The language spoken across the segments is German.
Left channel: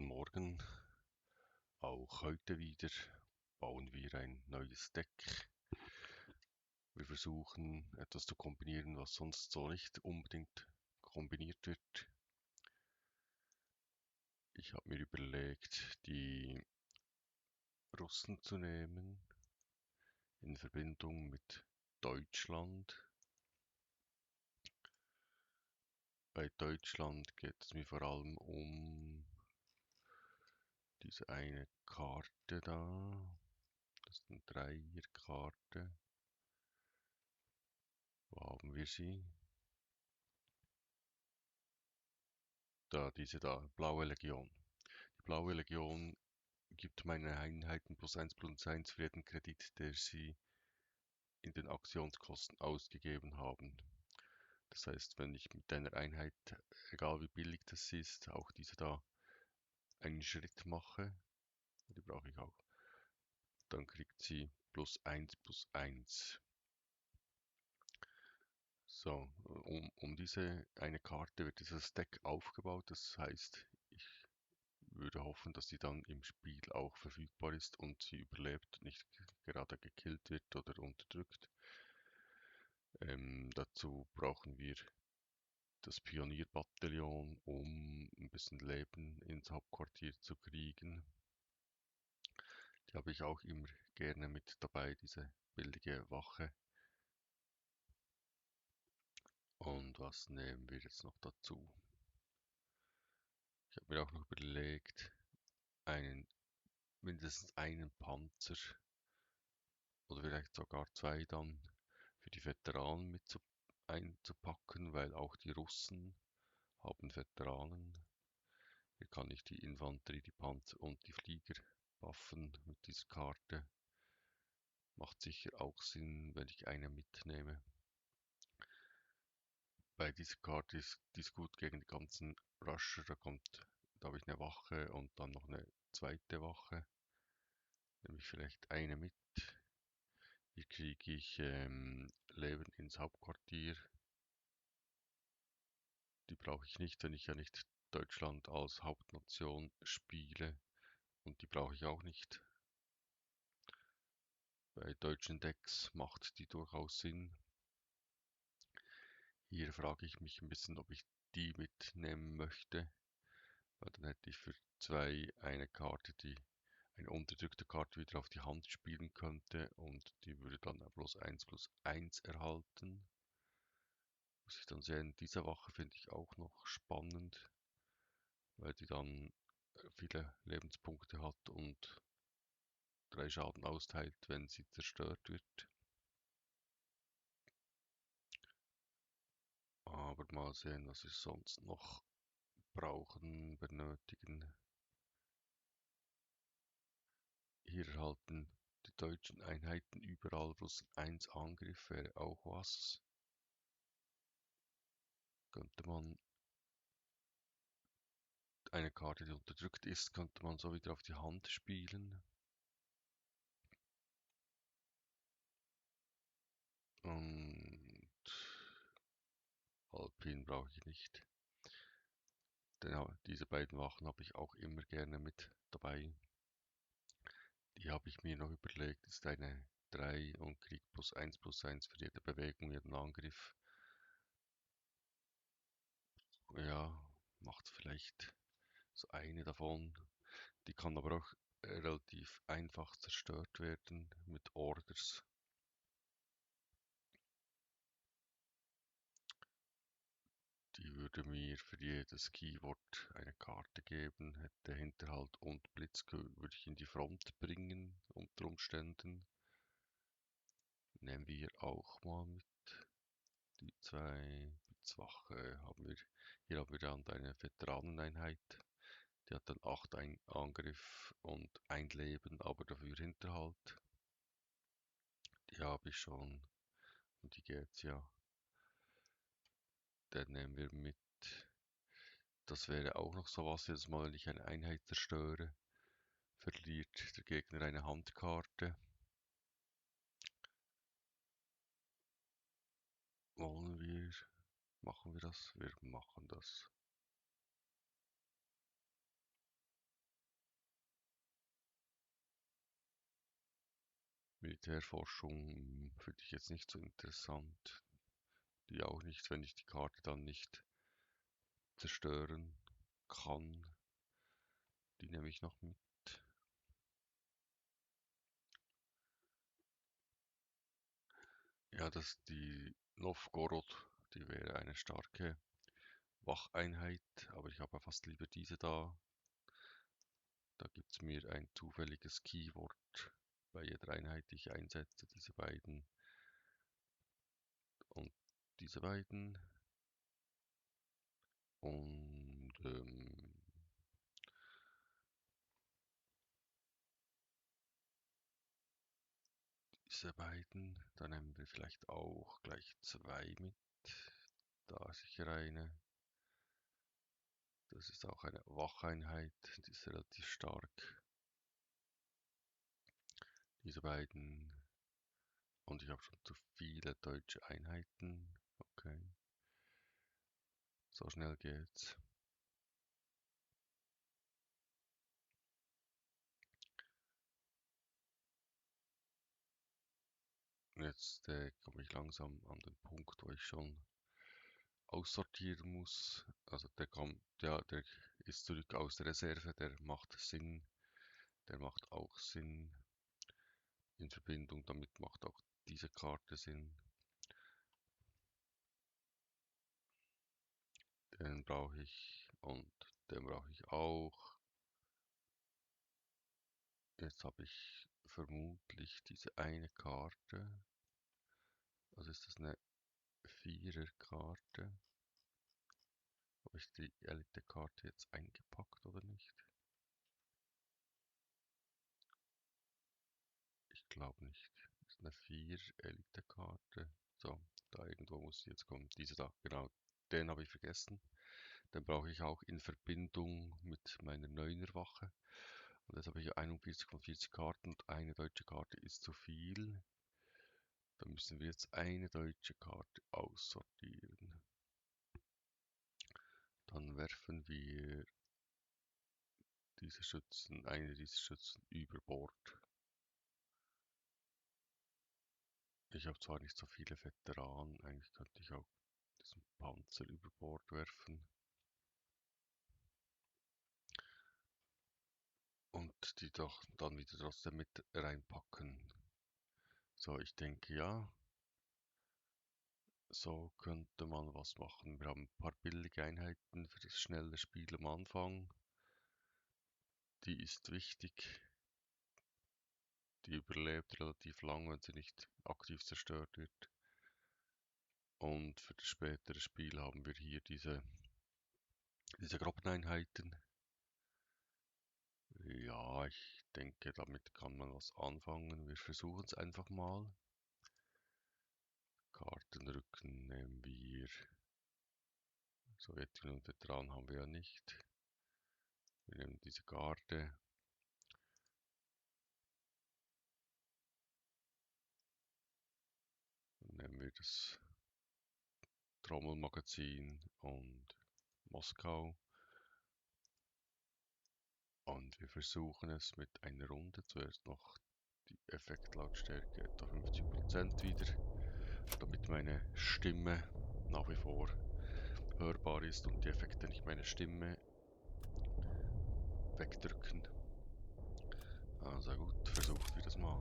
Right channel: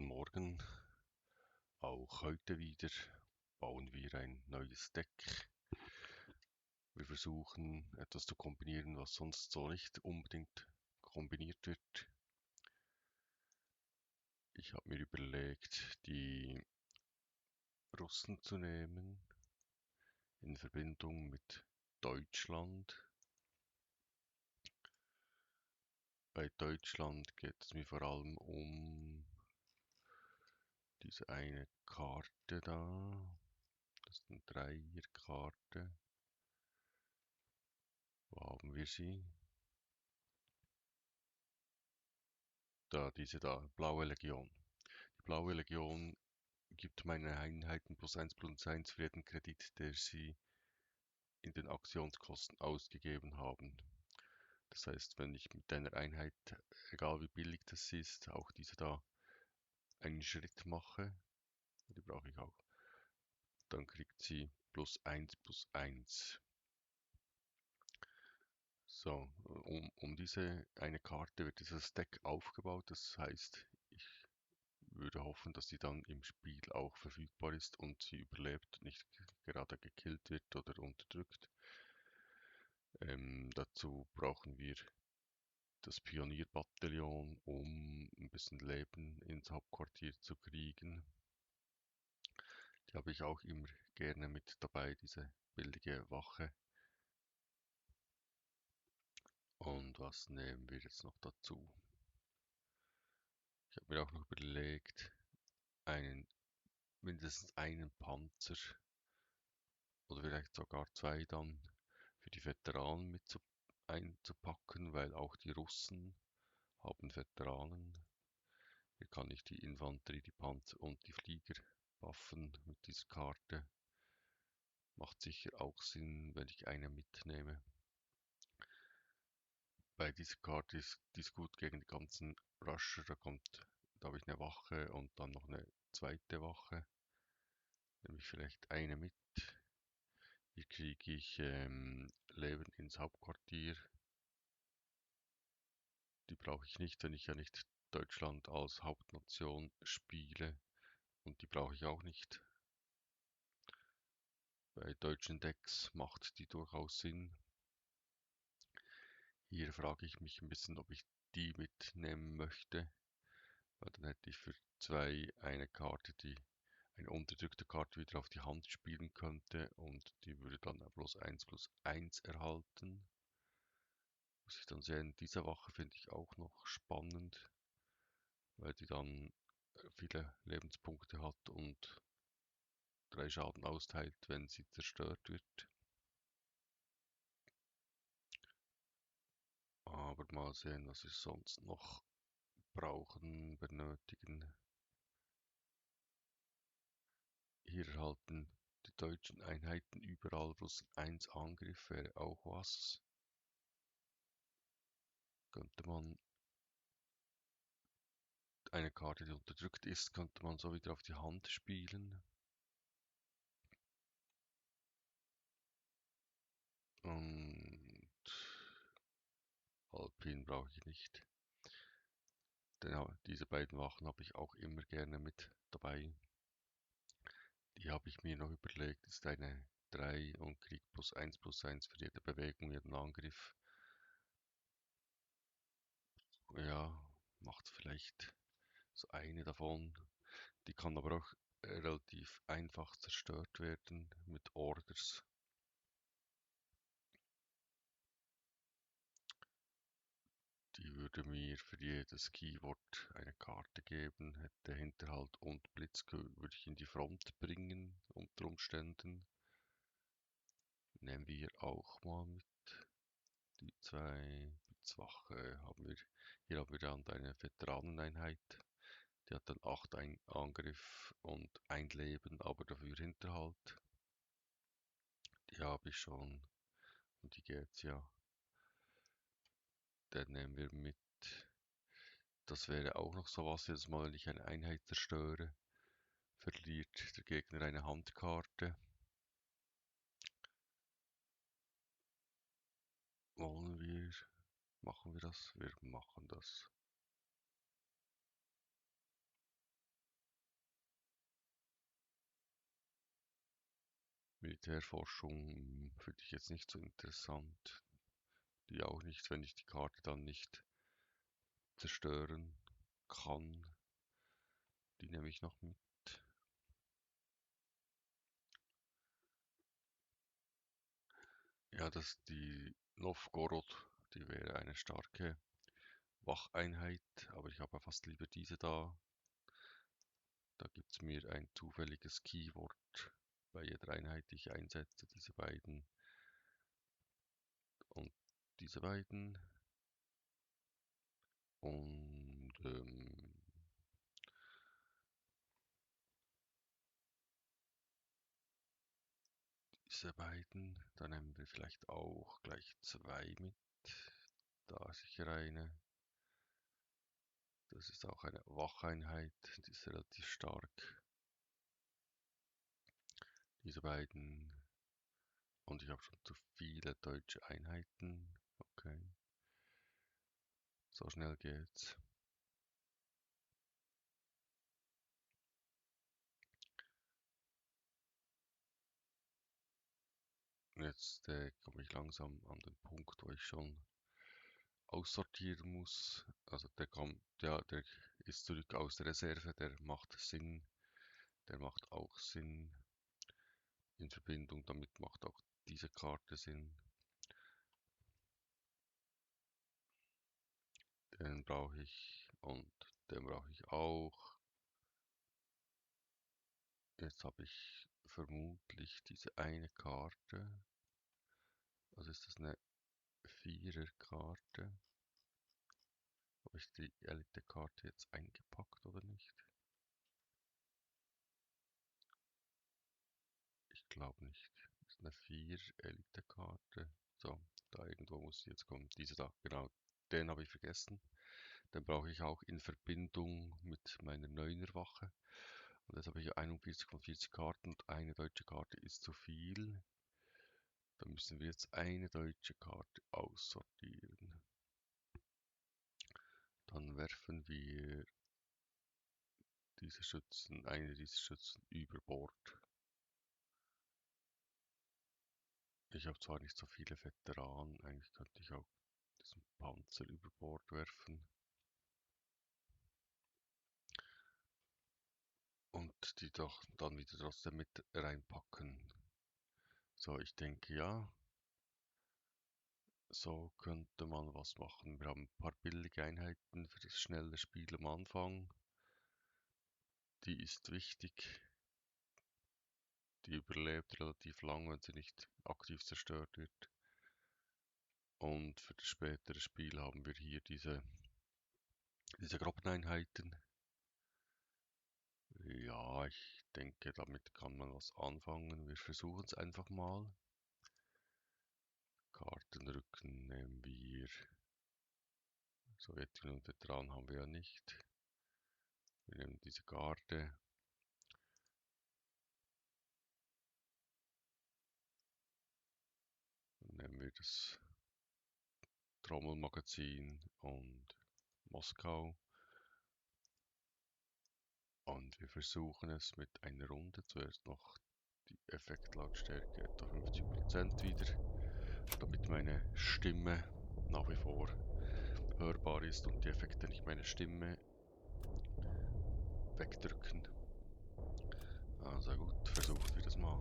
Guten Morgen. Auch heute wieder bauen wir ein neues Deck. Wir versuchen etwas zu kombinieren, was sonst so nicht unbedingt kombiniert wird. Ich habe mir überlegt, die Russen zu nehmen in Verbindung mit Deutschland. Bei Deutschland geht es mir vor allem um diese eine Karte da. Das ist eine Dreierkarte. Wo haben wir sie? Da, diese da, Blaue Legion. Die Blaue Legion gibt meine Einheiten plus eins für jeden Kredit, der sie in den Aktionskosten ausgegeben haben. Das heißt, wenn ich mit einer Einheit, egal wie billig das ist, auch diese da einen Schritt mache, die brauche ich auch, dann kriegt sie plus eins. So, um diese eine Karte wird dieses Deck aufgebaut. Das heißt, ich würde hoffen, dass sie dann im Spiel auch verfügbar ist und sie überlebt, nicht gerade gekillt wird oder unterdrückt. Dazu brauchen wir das Pionierbataillon, um ein bisschen Leben ins Hauptquartier zu kriegen. Die habe ich auch immer gerne mit dabei, diese billige Wache. Und was nehmen wir jetzt noch dazu? Ich habe mir auch noch überlegt, mindestens einen Panzer oder vielleicht sogar zwei dann für die Veteranen einzupacken, weil auch die Russen haben Veteranen. Hier kann ich die Infanterie, die Panzer und die Flieger buffen mit dieser Karte. Macht sicher auch Sinn, wenn ich eine mitnehme. Bei dieser Karte die ist gut gegen die ganzen Rusher. Da habe ich eine Wache und dann noch eine zweite Wache. Nehme ich vielleicht eine mit. Hier kriege ich Leben ins Hauptquartier. Die brauche ich nicht, wenn ich ja nicht Deutschland als Hauptnation spiele. Und die brauche ich auch nicht. Bei deutschen Decks macht die durchaus Sinn. Hier frage ich mich ein bisschen, ob ich die mitnehmen möchte. Weil dann hätte ich für zwei eine Karte, die eine unterdrückte Karte wieder auf die Hand spielen könnte. Und die würde dann plus eins erhalten. Muss ich dann sehen, diese Wache finde ich auch noch spannend, weil die dann viele Lebenspunkte hat und 3 Schaden austeilt, wenn sie zerstört wird. Aber mal sehen, was wir sonst noch benötigen. Hier erhalten die deutschen Einheiten überall plus 1 Angriff, wäre auch was. Könnte man eine Karte, die unterdrückt ist, könnte man so wieder auf die Hand spielen. Und Alpin brauche ich nicht. Denn diese beiden Wachen habe ich auch immer gerne mit dabei. Die habe ich mir noch überlegt, ist eine 3 und kriegt plus eins für jede Bewegung, jeden Angriff. Ja, macht vielleicht so eine davon. Die kann aber auch relativ einfach zerstört werden mit Orders. Die würde mir für jedes Keyword eine Karte geben, hätte Hinterhalt und Blitz, würde ich in die Front bringen unter Umständen. Nehmen wir auch mal mit. Die zwei Blitzwache haben wir. Hier haben wir dann eine Veteraneneinheit. Die hat dann 8 Angriff und ein Leben, aber dafür Hinterhalt. Die habe ich schon. Und die geht's ja. Den nehmen wir mit. Das wäre auch noch sowas, jedes Mal, wenn ich eine Einheit zerstöre, verliert der Gegner eine Handkarte. Wollen wir? Machen wir das? Wir machen das. Militärforschung finde ich jetzt nicht so interessant. Die auch nicht, wenn ich die Karte dann nicht zerstören kann. Die nehme ich noch mit. Ja, die Novgorod, die wäre eine starke Wacheinheit, aber ich habe fast lieber diese da. Da gibt es mir ein zufälliges Keyword bei jeder Einheit, die ich einsetze. Diese beiden und diese beiden. Und diese beiden. Dann nehmen wir vielleicht auch gleich zwei mit. Da sicher eine. Das ist auch eine Wacheinheit, die ist relativ stark. Diese beiden. Und ich habe schon zu viele deutsche Einheiten. Okay. So schnell geht's. Jetzt komme ich langsam an den Punkt, wo ich schon aussortieren muss. Also der kommt, ja, der ist zurück aus der Reserve, der macht Sinn. Der macht auch Sinn. In Verbindung damit macht auch diese Karte Sinn. Den brauche ich und den brauche ich auch. Jetzt habe ich vermutlich diese eine Karte. Also ist das eine Viererkarte. Habe ich die Elite-Karte jetzt eingepackt oder nicht? Ich glaube nicht. Das ist eine 4-Elite-Karte. So, da irgendwo muss sie jetzt kommen. Diese da, genau. Den habe ich vergessen. Den brauche ich auch in Verbindung mit meiner 9er-Wache. Und jetzt habe ich 41 von 40 Karten und eine deutsche Karte ist zu viel. Da müssen wir jetzt eine deutsche Karte aussortieren. Dann werfen wir eine dieser Schützen über Bord. Ich habe zwar nicht so viele Veteranen, eigentlich könnte ich auch diesen Panzer über Bord werfen. Und die doch dann wieder trotzdem mit reinpacken. So, ich denke ja, so könnte man was machen. Wir haben ein paar billige Einheiten für das schnelle Spiel am Anfang. Die ist wichtig. Die überlebt relativ lang, wenn sie nicht aktiv zerstört wird. Und für das spätere Spiel haben wir hier diese Gruppeneinheiten. Ja, ich denke, damit kann man was anfangen. Wir versuchen es einfach mal. Kartenrücken nehmen wir. Sowjetunion und Veteranen haben wir ja nicht. Wir nehmen diese Garde. Dann nehmen wir das Trommelmagazin und Moskau. Und wir versuchen es mit einer Runde. Zuerst noch die Effektlautstärke etwa 50% wieder, damit meine Stimme nach wie vor hörbar ist und die Effekte nicht meine Stimme wegdrücken. Also gut, versuchen wir das mal.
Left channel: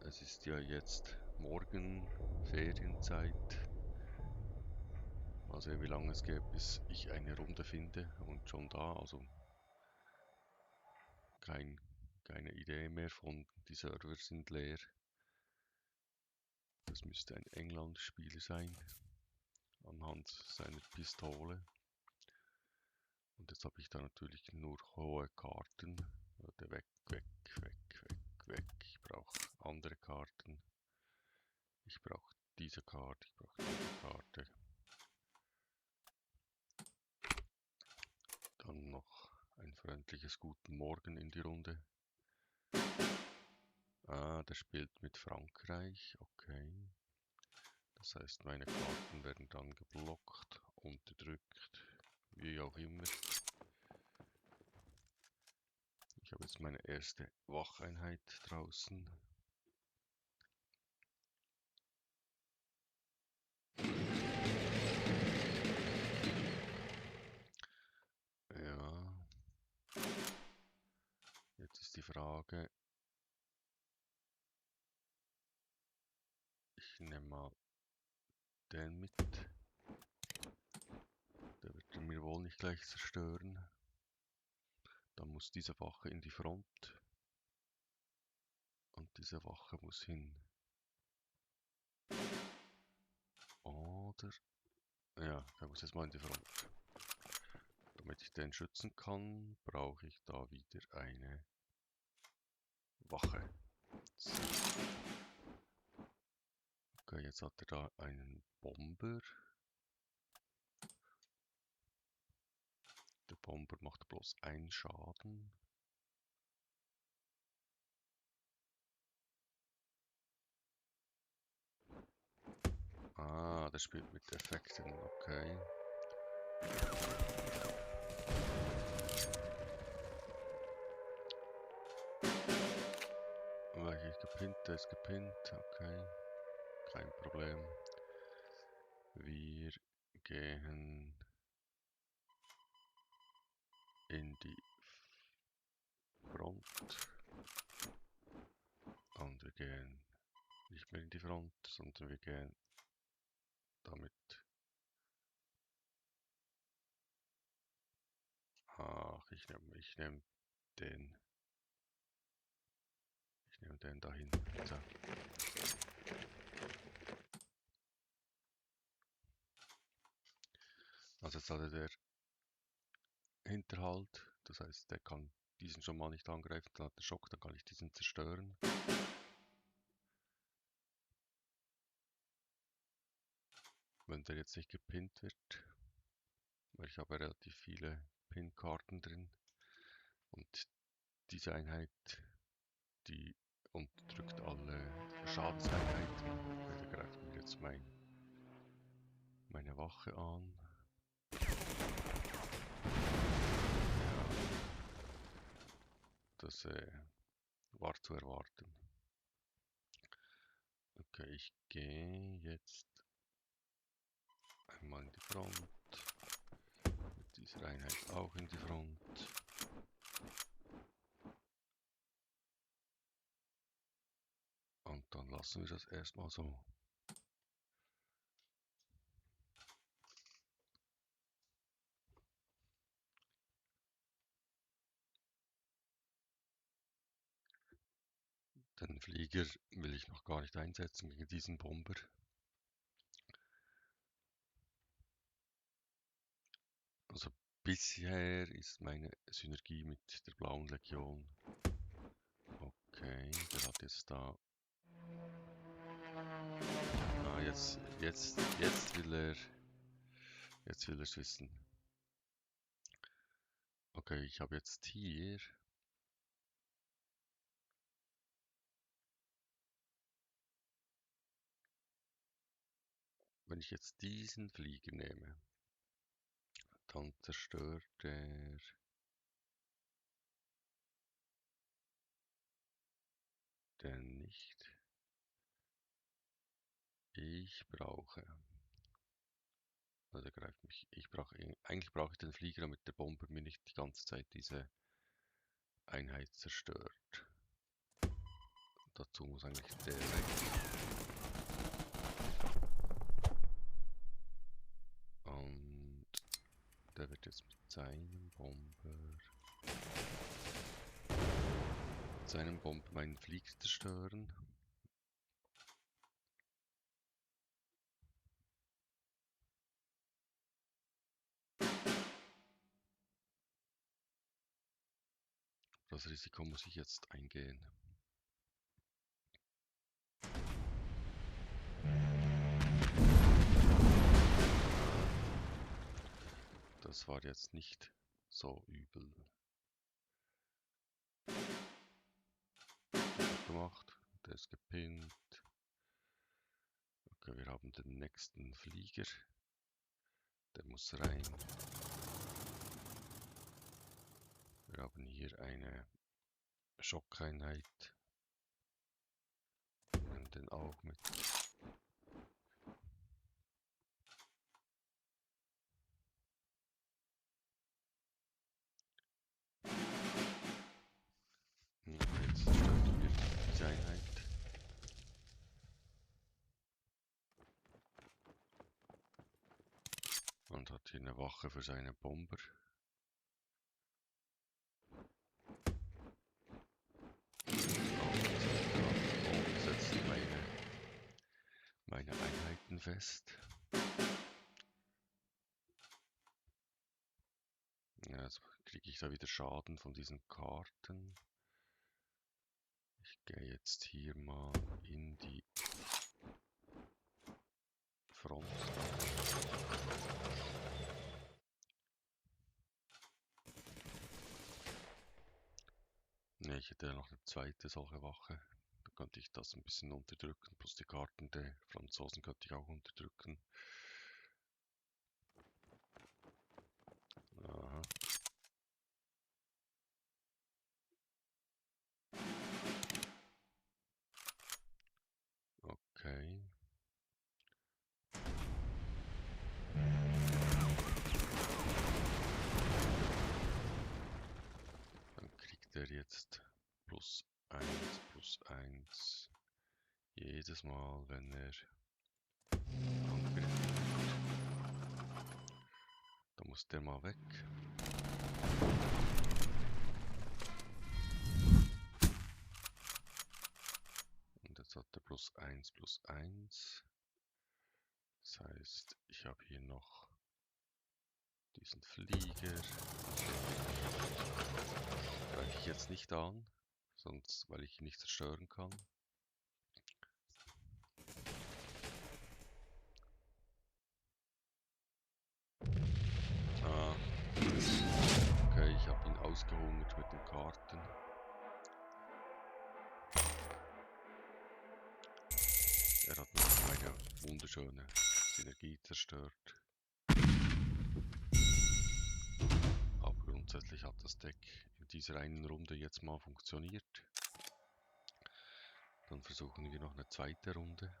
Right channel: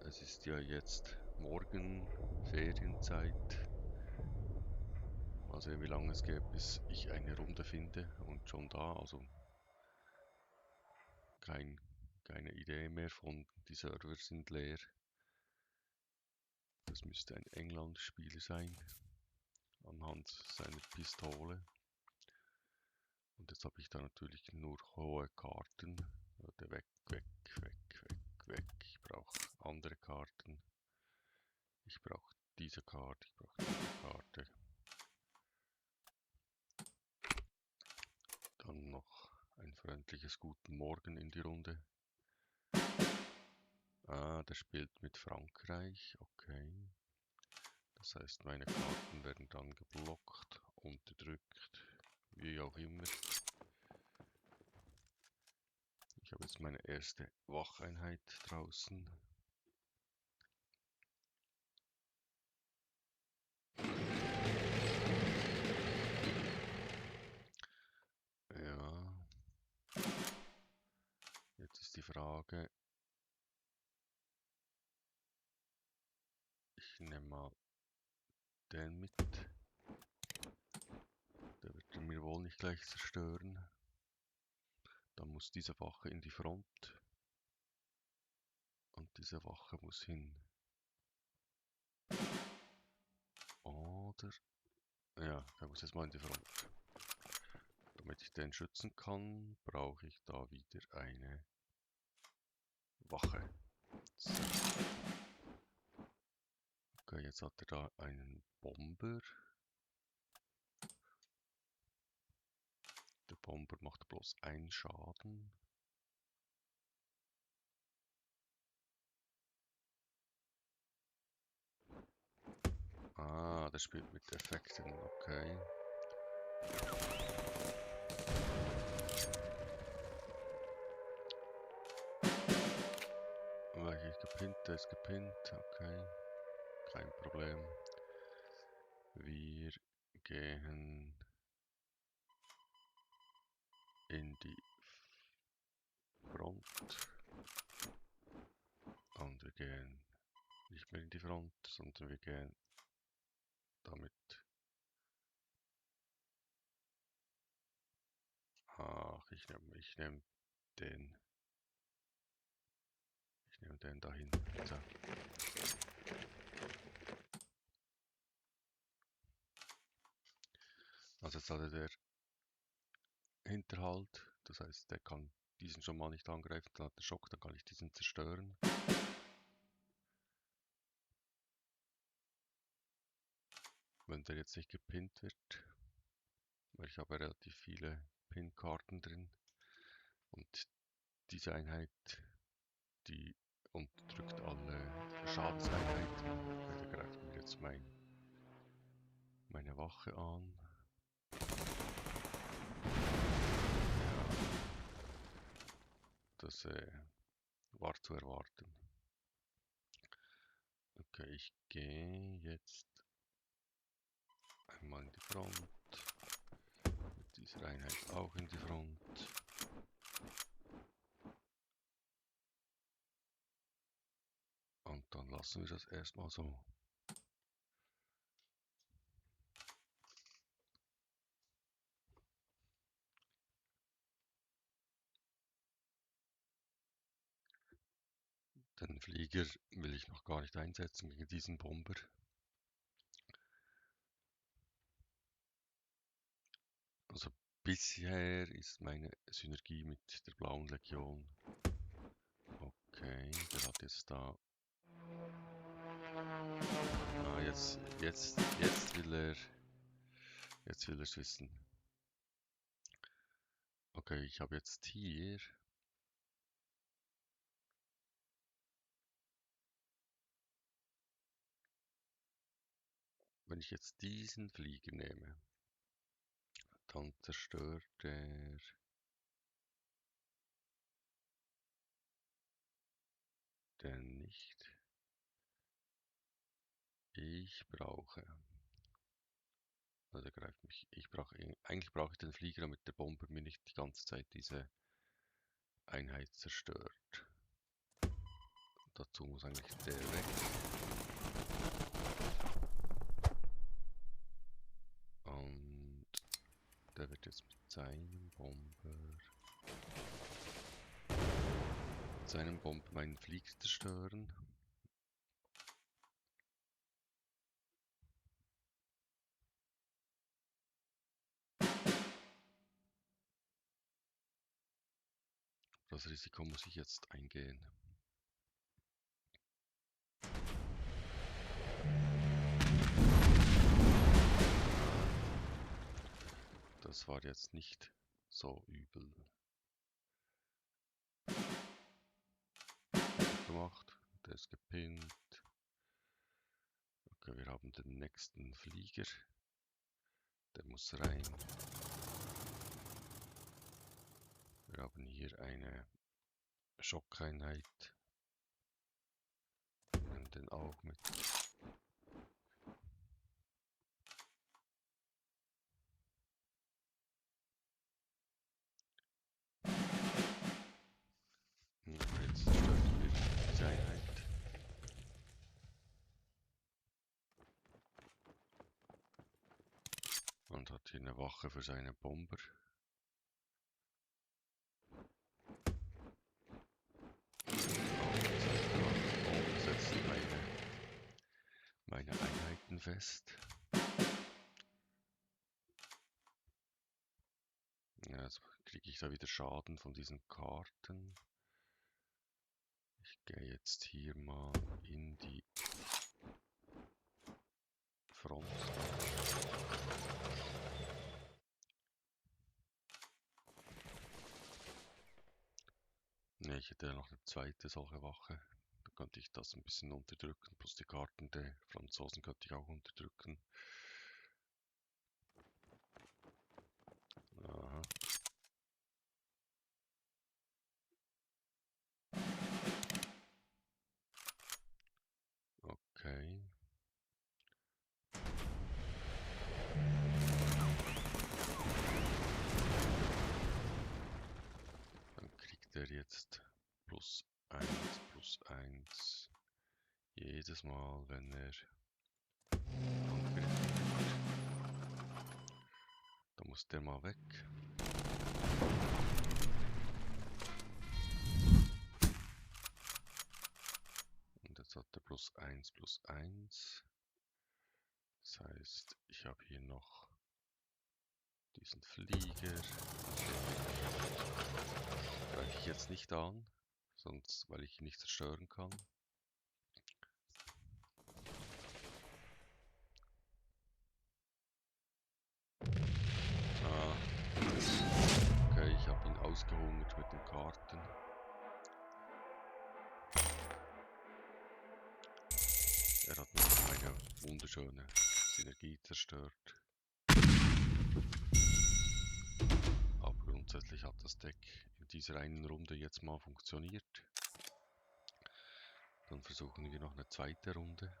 Es ist ja jetzt morgen Ferienzeit. Mal sehen, wie lange es geht, bis ich eine Runde finde und schon da, also keine Idee mehr von, die Server sind leer. Das müsste ein England-Spieler sein, anhand seiner Pistole. Und jetzt habe ich da natürlich nur hohe Karten. Weg, weg, weg, weg, weg. Ich brauche andere Karten. Ich brauche diese Karte, ich brauche diese Karte. Dann noch ein freundliches Guten Morgen in die Runde. Ah, der spielt mit Frankreich, okay. Das heißt, meine Karten werden dann geblockt, unterdrückt, wie auch immer. Ich habe jetzt meine erste Wacheinheit draußen. Ja. Jetzt ist die Frage, ich nehme mal den mit. Der wird er mir wohl nicht gleich zerstören. Dann muss diese Wache in die Front. Und diese Wache muss hin. Oder... Ja, der muss jetzt mal in die Front. Damit ich den schützen kann, brauche ich da wieder eine Wache. So. Okay, jetzt hat er da einen Bomber. Der Bomber macht bloß einen Schaden. Ah, der spielt mit Effekten, okay. Welcher ist gepinnt? Der ist gepinnt, okay. Kein Problem. Wir gehen in die Front. Und wir gehen nicht mehr in die Front, sondern wir gehen damit. Ach, ich nehm den. Ich nehme den dahin. So. Also jetzt hat er der Hinterhalt, das heißt, der kann diesen schon mal nicht angreifen, dann hat er Schock, dann kann ich diesen zerstören. Wenn der jetzt nicht gepinnt wird, weil ich habe relativ viele Pin-Karten drin und diese Einheit, die unterdrückt alle Schadenseinheiten. Der greift mir jetzt meine Wache an. Ja, das war zu erwarten. Okay, ich gehe jetzt einmal in die Front. Mit dieser Einheit auch in die Front. Und dann lassen wir das erstmal so. Den Flieger will ich noch gar nicht einsetzen gegen diesen Bomber. Also bisher ist meine Synergie mit der Blauen Legion. Okay, der hat jetzt da... Ah, jetzt will er... Jetzt will er es wissen. Okay, ich habe jetzt hier... Wenn ich jetzt diesen Flieger nehme, dann zerstört er... den nicht. Ich brauche... Also er greift mich. Eigentlich brauche ich den Flieger, damit der Bomber mir nicht die ganze Zeit diese Einheit zerstört. Dazu muss eigentlich der weg. Und der wird jetzt mit seinem Bomber meinen Flieger zerstören. Das Risiko muss ich jetzt eingehen. Das war jetzt nicht so übel. Gut gemacht. Der ist gepinnt. Okay, wir haben den nächsten Flieger. Der muss rein. Wir haben hier eine Schockeinheit. Nehmen den auch mit. Jetzt zerstören wir diese Einheit. Und hat hier eine Wache für seine Bomber. Und setzt meine Einheiten fest. Ja, jetzt kriege ich da wieder Schaden von diesen Karten. Ich gehe jetzt hier mal in die Front. Ne, ich hätte ja noch eine zweite solche Wache. Da könnte ich das ein bisschen unterdrücken. Plus die Karten der Franzosen könnte ich auch unterdrücken. Aha. Okay. Dann kriegt er jetzt +1/+1 jedes Mal, wenn er angegriffen wird. Da muss der mal weg. Und jetzt hat er +1/+1. Das heißt, ich habe hier noch diesen Flieger. Greife ich jetzt nicht an, sonst, weil ich ihn nicht zerstören kann. Ah, okay, ich habe ihn ausgehungert mit den Karten. Er hat noch eine wunderschöne Synergie zerstört. Aber grundsätzlich hat das Deck in dieser einen Runde jetzt mal funktioniert. Dann versuchen wir noch eine zweite Runde.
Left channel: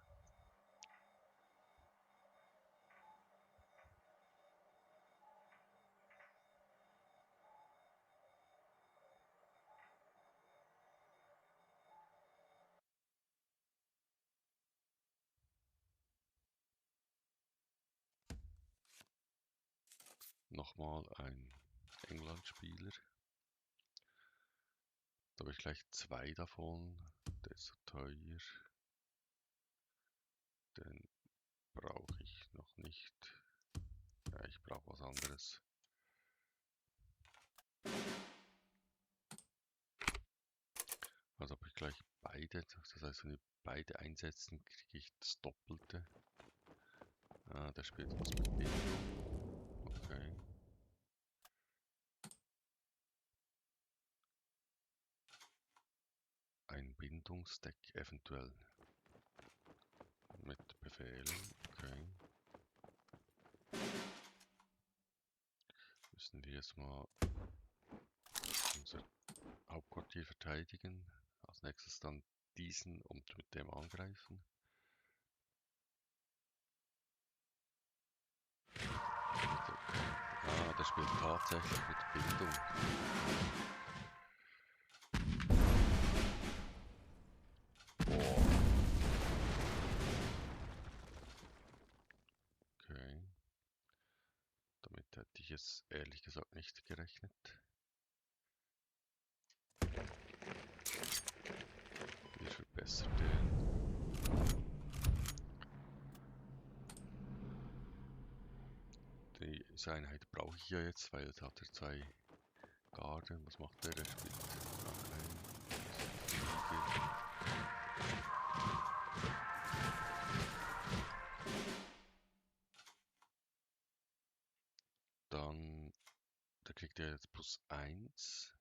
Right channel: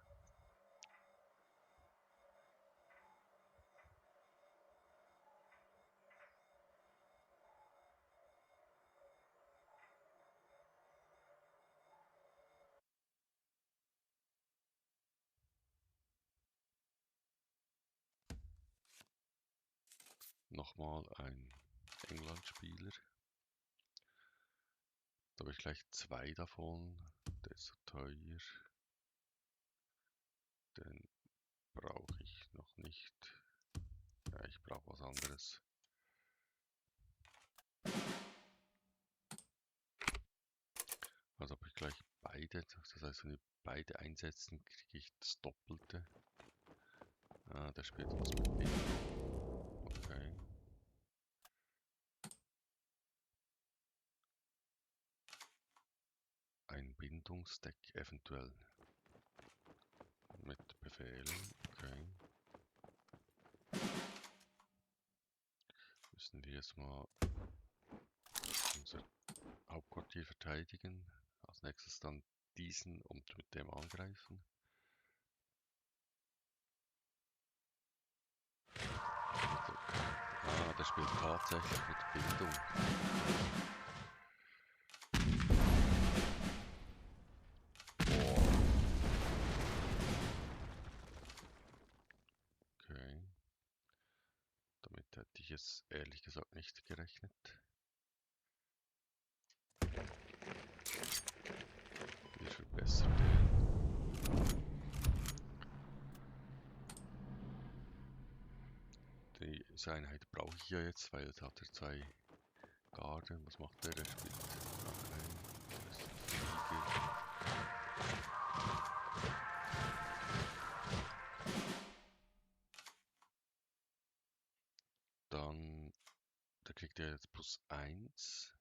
Nochmal ein England-Spieler. Da habe ich gleich zwei davon. Der ist so teuer. Den brauche ich noch nicht. Ja, ich brauche was anderes. Also habe ich gleich beide. Das heißt, wenn wir beide einsetzen, kriege ich das Doppelte. Ah, der spielt was mit Bindung. Okay. Ein Bindungsdeck eventuell. Mit Befehlen. Okay. Müssen wir jetzt mal unser Hauptquartier verteidigen. Als nächstes dann diesen und mit dem angreifen. Ah, der spielt tatsächlich mit Bindung. Boah. Okay. Damit hätte ich jetzt ehrlich gesagt nicht gerechnet. Wir verbessern den. Diese Einheit brauche ich ja jetzt, weil jetzt hat er zwei Garden. Was macht der? Der spielt Flieger. Dann, da kriegt er jetzt +1.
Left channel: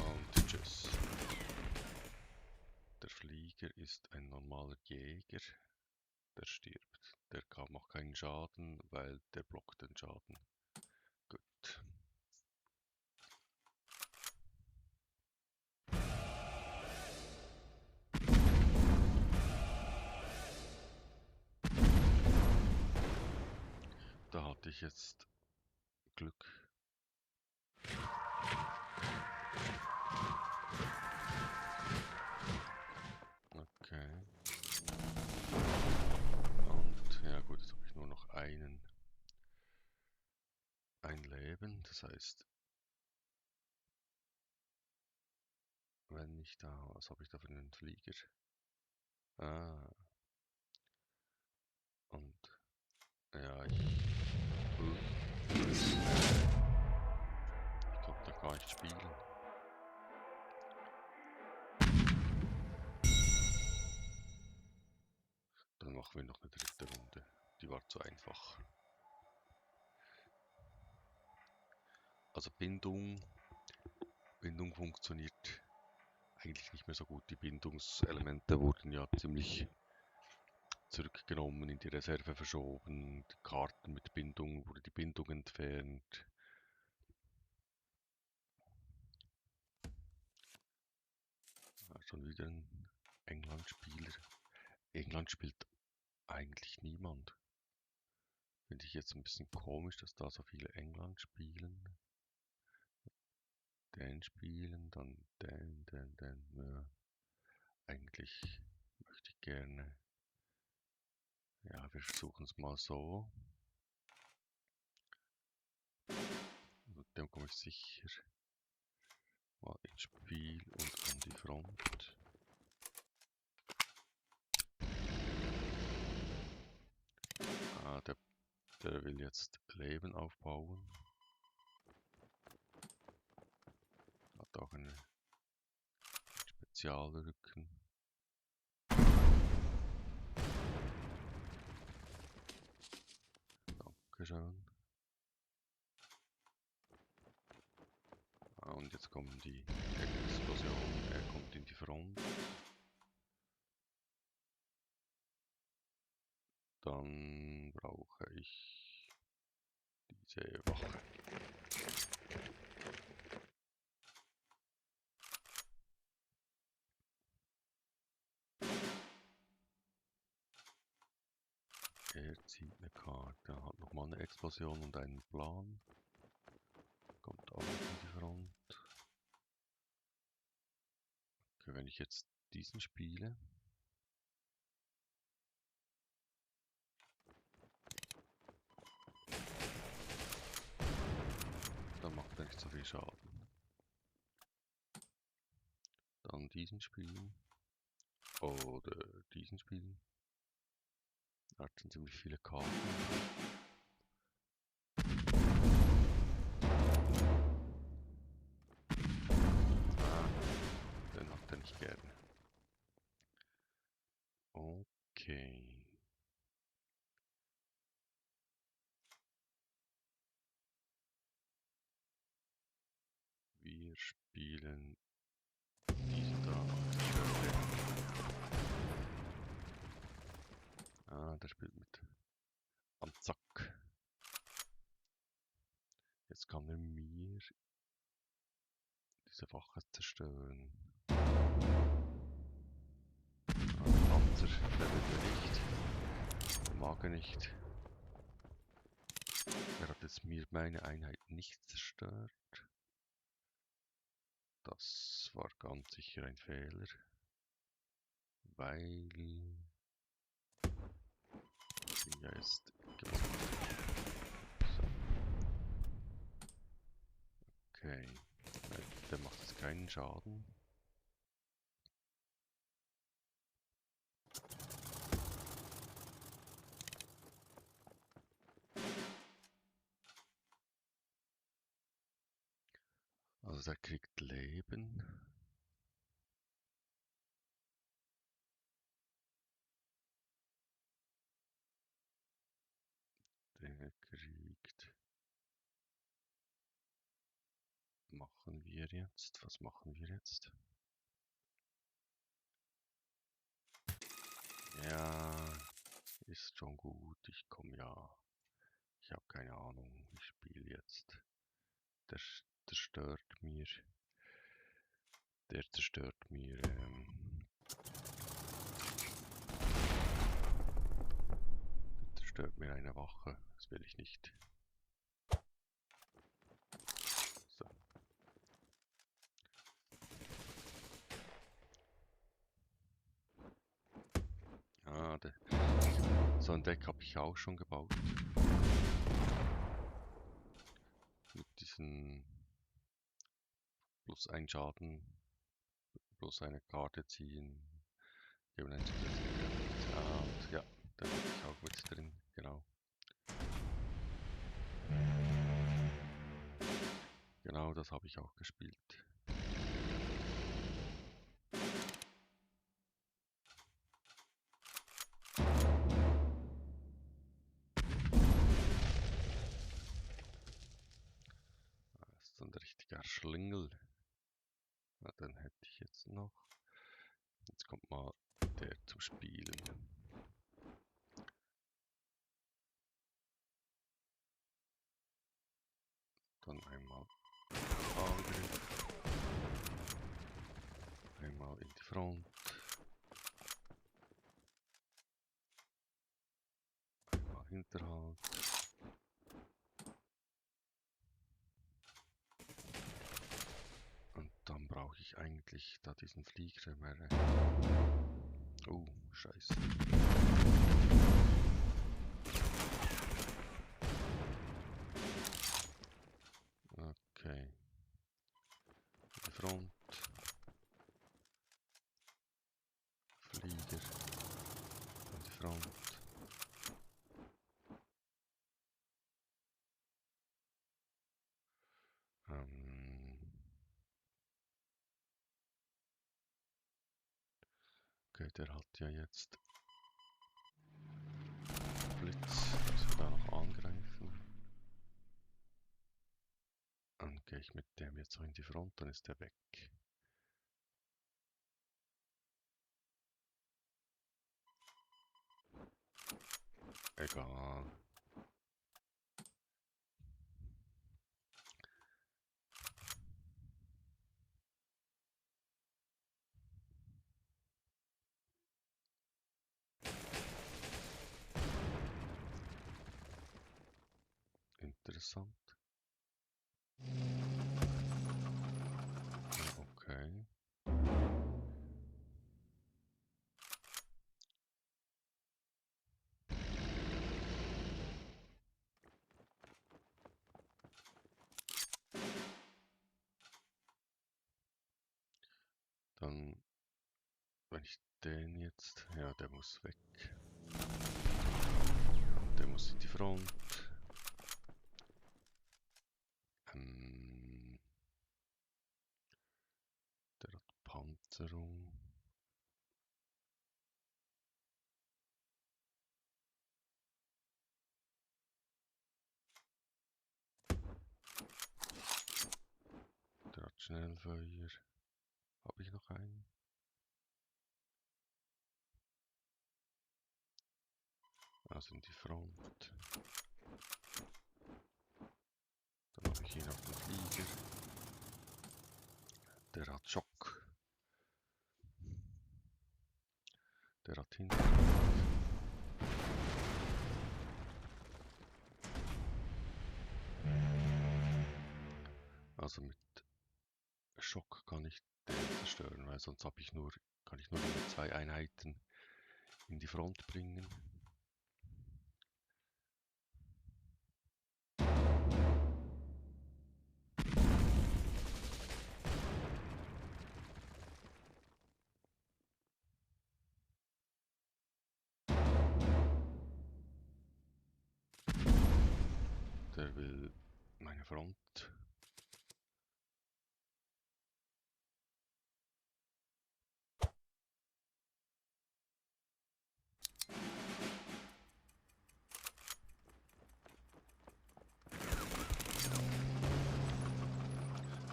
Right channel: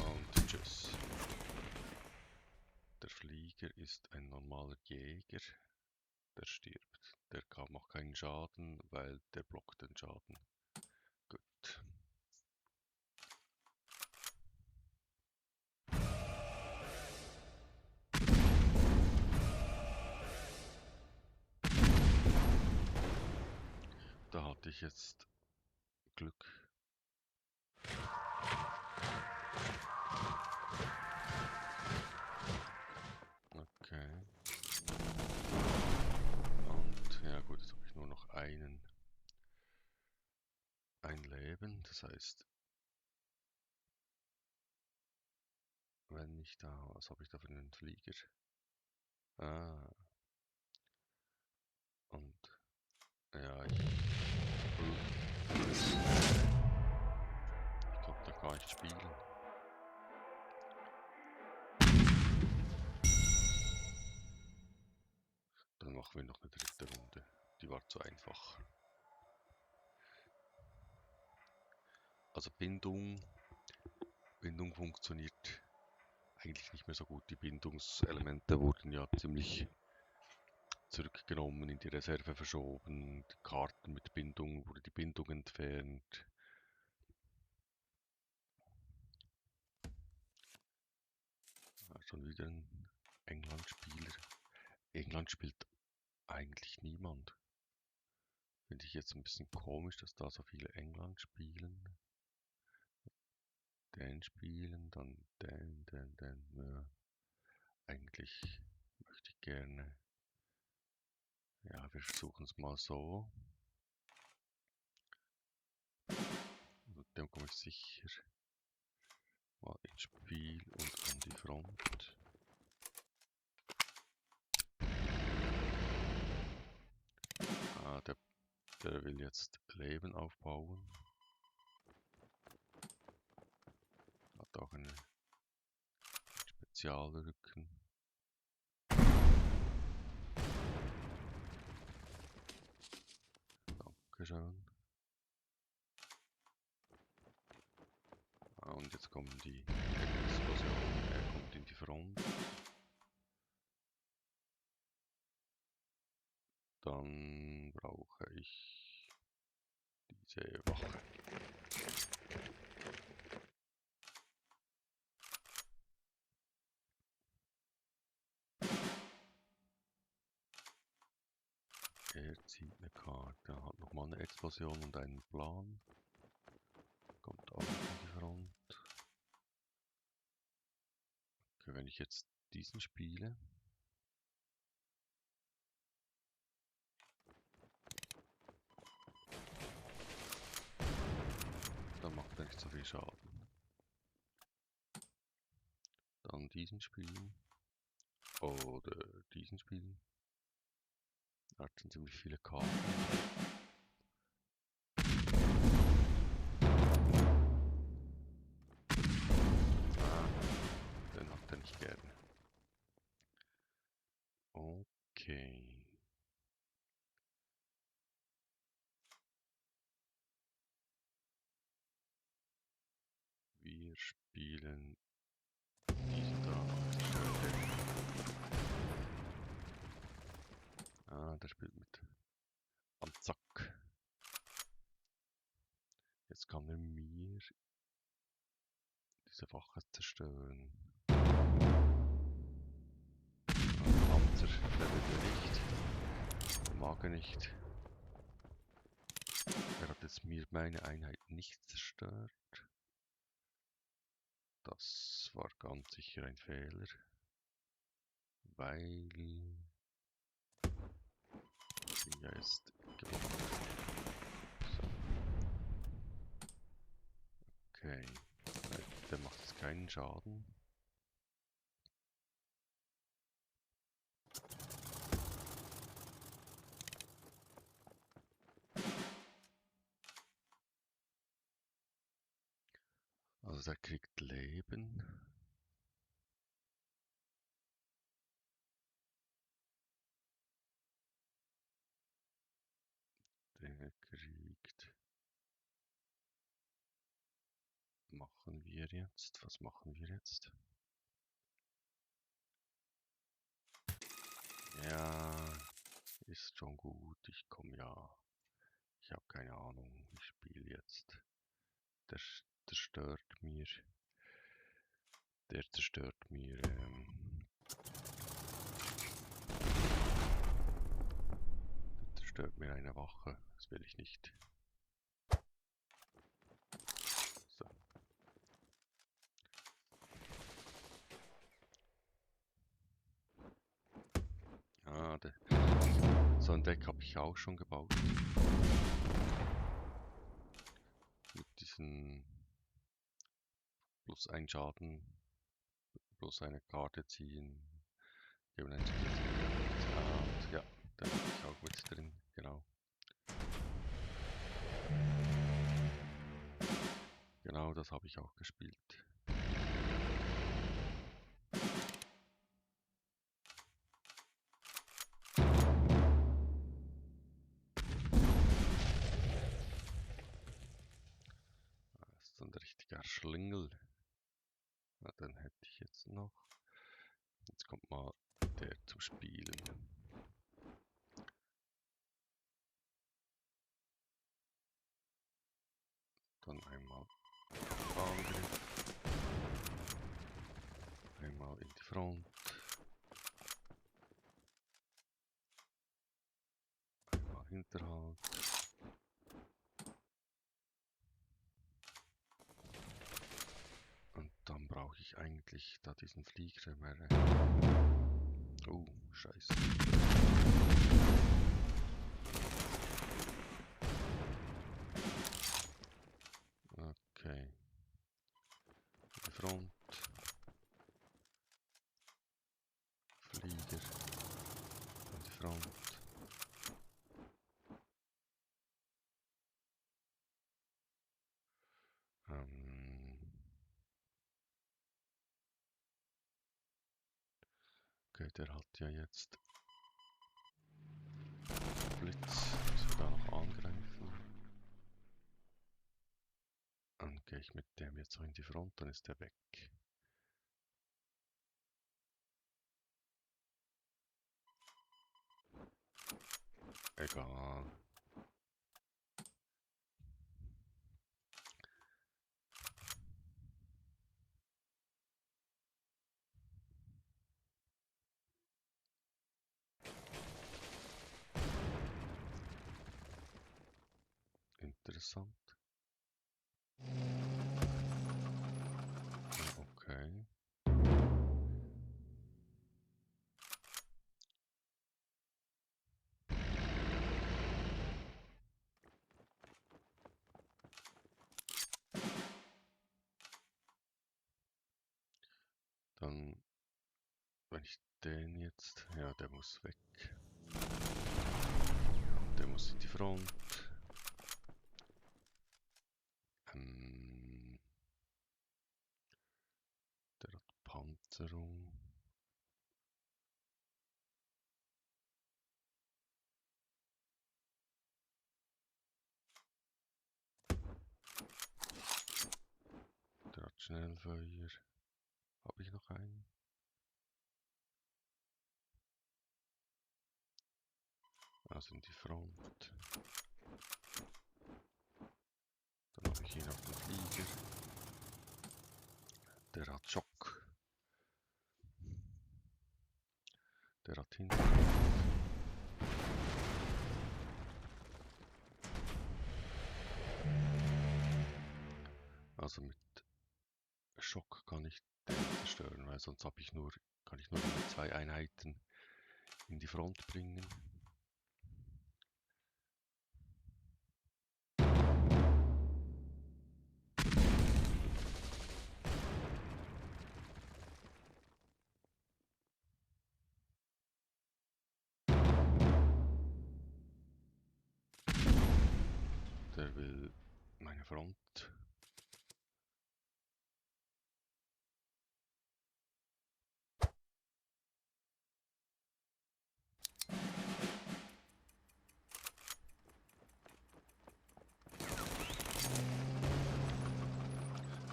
Und tschüss. Der Flieger ist ein normaler Jäger. Der stirbt. Der macht keinen Schaden, weil der blockt den Schaden. Gut. Da hatte ich jetzt Glück. Okay. Und ja gut, jetzt habe ich nur noch ein Leben. Das heißt, wenn ich da, was habe ich da für einen Flieger? Ah, und ja, ich konnte da gar nicht spielen. Dann machen wir noch eine dritte Runde. Die war zu einfach. Also Bindung funktioniert eigentlich nicht mehr so gut. Die Bindungselemente wurden ja ziemlich zurückgenommen, in die Reserve verschoben. Die Karten mit Bindung, wurde die Bindung entfernt. Ja, schon wieder ein England-Spieler. England spielt eigentlich niemand. Finde ich jetzt ein bisschen komisch, dass da so viele England spielen. Den spielen, dann den. Ja. Eigentlich möchte ich gerne. Ja, wir versuchen es mal so. Mit dem komme ich sicher mal ins Spiel und an die Front. Ah, der will jetzt Leben aufbauen. Hat auch einen Spezialrücken. Dankeschön. Ah, und jetzt kommen die Explosionen. Er kommt in die Front. Dann brauche ich diese Wache. Er zieht eine Karte, hat nochmal eine Explosion und einen Plan. Kommt auch in die Front. Okay, wenn ich jetzt diesen spiele, dann macht er nicht so viel Schaden. Dann diesen spielen. Oder diesen spielen. Er hat schon ziemlich viele Karten. Den hat er nicht gerne. Okay. Wir spielen diesen da auf die Stelle. Ah, der spielt mit am Zack. Jetzt kann er mir diese Wache zerstören. Panzer, der will mir nicht. Mag er nicht. Er hat jetzt mir meine Einheit nicht zerstört. Das war ganz sicher ein Fehler. Weil sie ja jetzt gemacht. So. Okay. Der macht jetzt keinen Schaden. Also der kriegt Leben. Der kriegt... Machen wir jetzt? Was machen wir jetzt? Ja, ist schon gut. Ich komme ja. Ich habe keine Ahnung. Ich spiele jetzt. Der zerstört mir. Der zerstört mir. zerstört mir eine Wache. Das will ich nicht. So. Ah, so ein Deck habe ich auch schon gebaut. Mit diesen plus ein Schaden, plus eine Karte ziehen. Geben einen zusätzlichen Effekt. Ah, und ja, da bin ich auch mit drin, genau. Genau, das habe ich auch gespielt. Das ist ein richtiger Schlingel. Na, dann hätte ich jetzt noch. Jetzt kommt mal der zum Spielen. Dann einmal Angriff. Einmal in die Front. Einmal Hinterhalt. Und dann brauche ich eigentlich da diesen Flieger mehr. Oh, scheiße. Okay. Die Front. Flieger. Und die Front. Okay, der hat ja jetzt Blitz. Muss er da noch angreifen. Dann gehe ich mit dem jetzt so in die Front, dann ist der weg. Egal. Interessant. Okay. Dann, wenn ich den jetzt, ja, der muss weg. Der muss in die Front. Der hat Panzerung. Der hat Schnellfeuer. Habe ich noch einen? Also in die Front. Dann habe ich ihn auf den Flieger. Der hat Schock. Der hat Hinterhalt. Also mit Schock kann ich den zerstören, weil sonst kann ich nur mit 2 Einheiten in die Front bringen. Der will meine Front.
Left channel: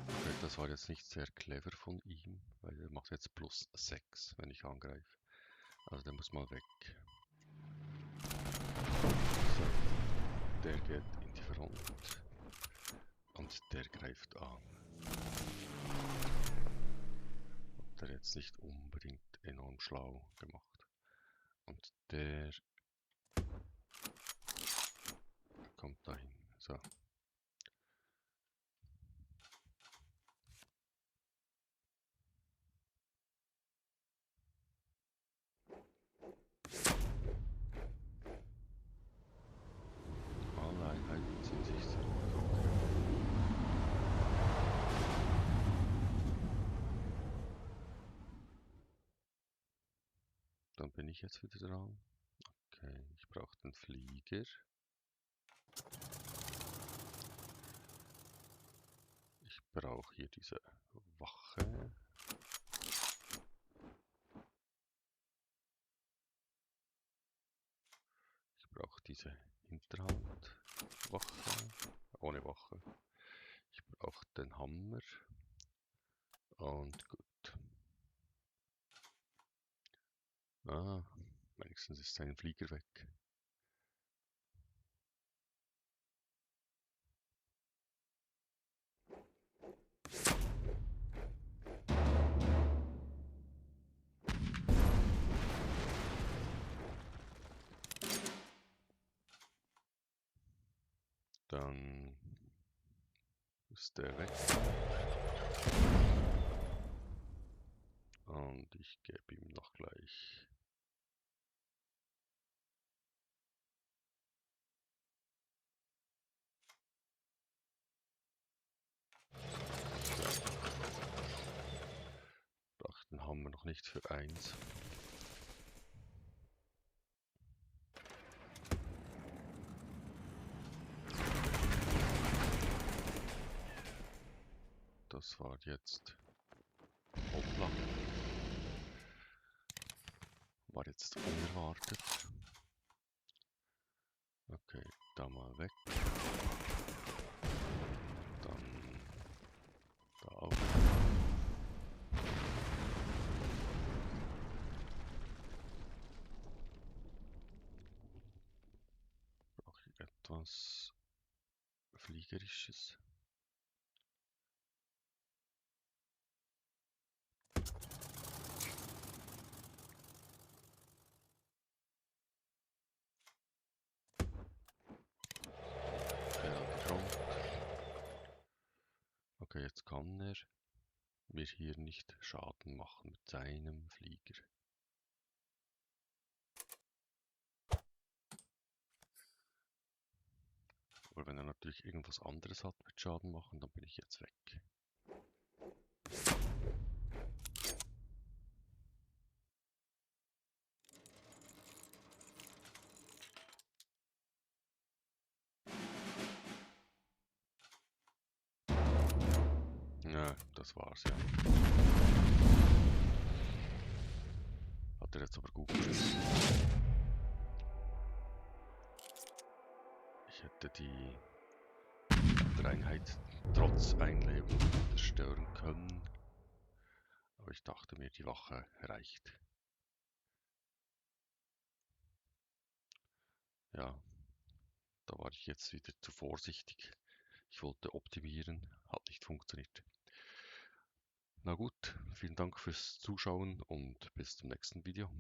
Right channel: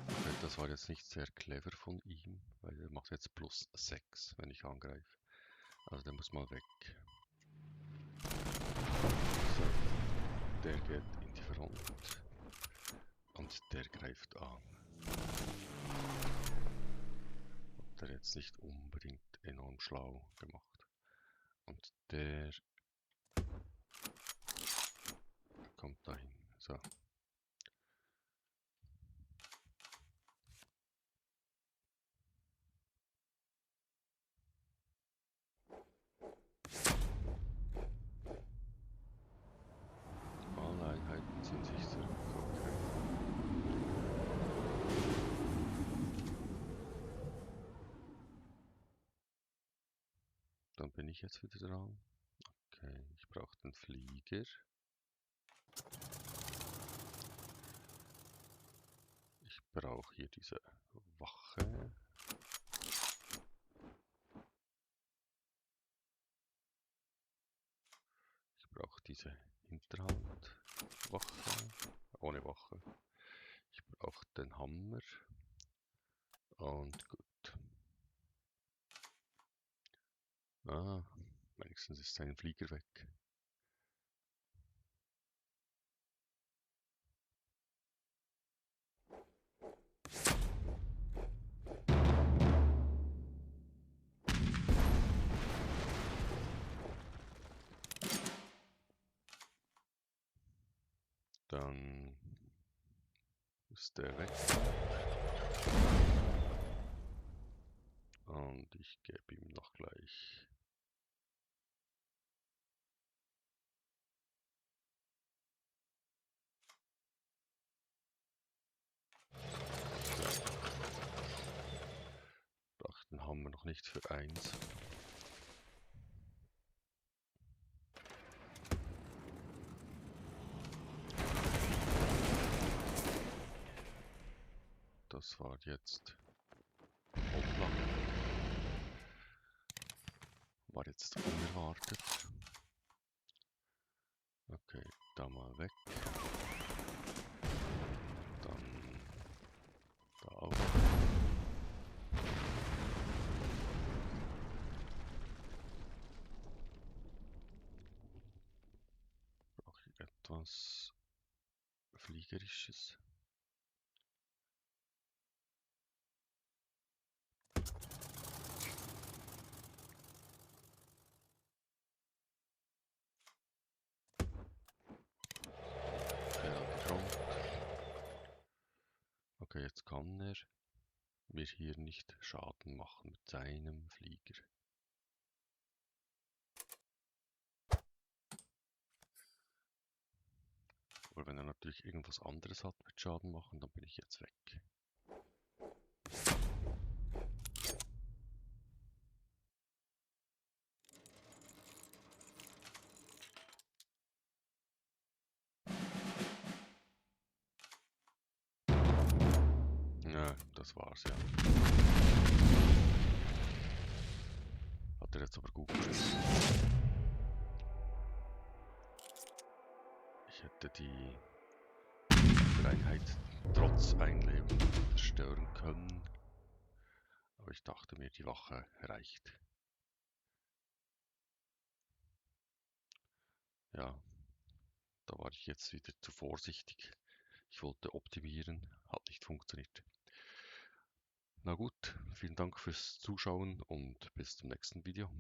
Okay, das war jetzt nicht sehr clever von ihm, weil er macht jetzt plus 6, wenn ich angreife. Also der muss mal weg. So, der geht in die Front. Und der greift an. Hat er jetzt nicht unbedingt enorm schlau gemacht. Und der Einheiten ziehen sich zurück. Okay. Dann bin ich jetzt wieder dran. Okay, ich brauche den Flieger. Ich brauche hier diese Wache. Ich brauche diese Hinterhand-Wache. Ohne Wache. Ich brauche den Hammer. Und gut. Ah, wenigstens ist sein Flieger weg. Dann ist der weg. Und ich gebe ihm noch gleich. Brauche den Hammer noch nicht für 1. Das war jetzt hoppla. War jetzt unerwartet. Okay, da mal weg. Dann da auch weg. Brauche ich etwas Fliegerisches. Okay, an die Front. Okay, jetzt kann er mir hier nicht Schaden machen mit seinem Flieger. Aber wenn er natürlich irgendwas anderes hat mit Schaden machen, dann bin ich jetzt weg. Ja, das war's ja. Hat er jetzt aber gut geschossen. Ich hätte die andere Einheit trotz Einleben zerstören können. Aber ich dachte mir, die Wache reicht. Ja, da war ich jetzt wieder zu vorsichtig. Ich wollte optimieren, hat nicht funktioniert. Na gut, vielen Dank fürs Zuschauen und bis zum nächsten Video.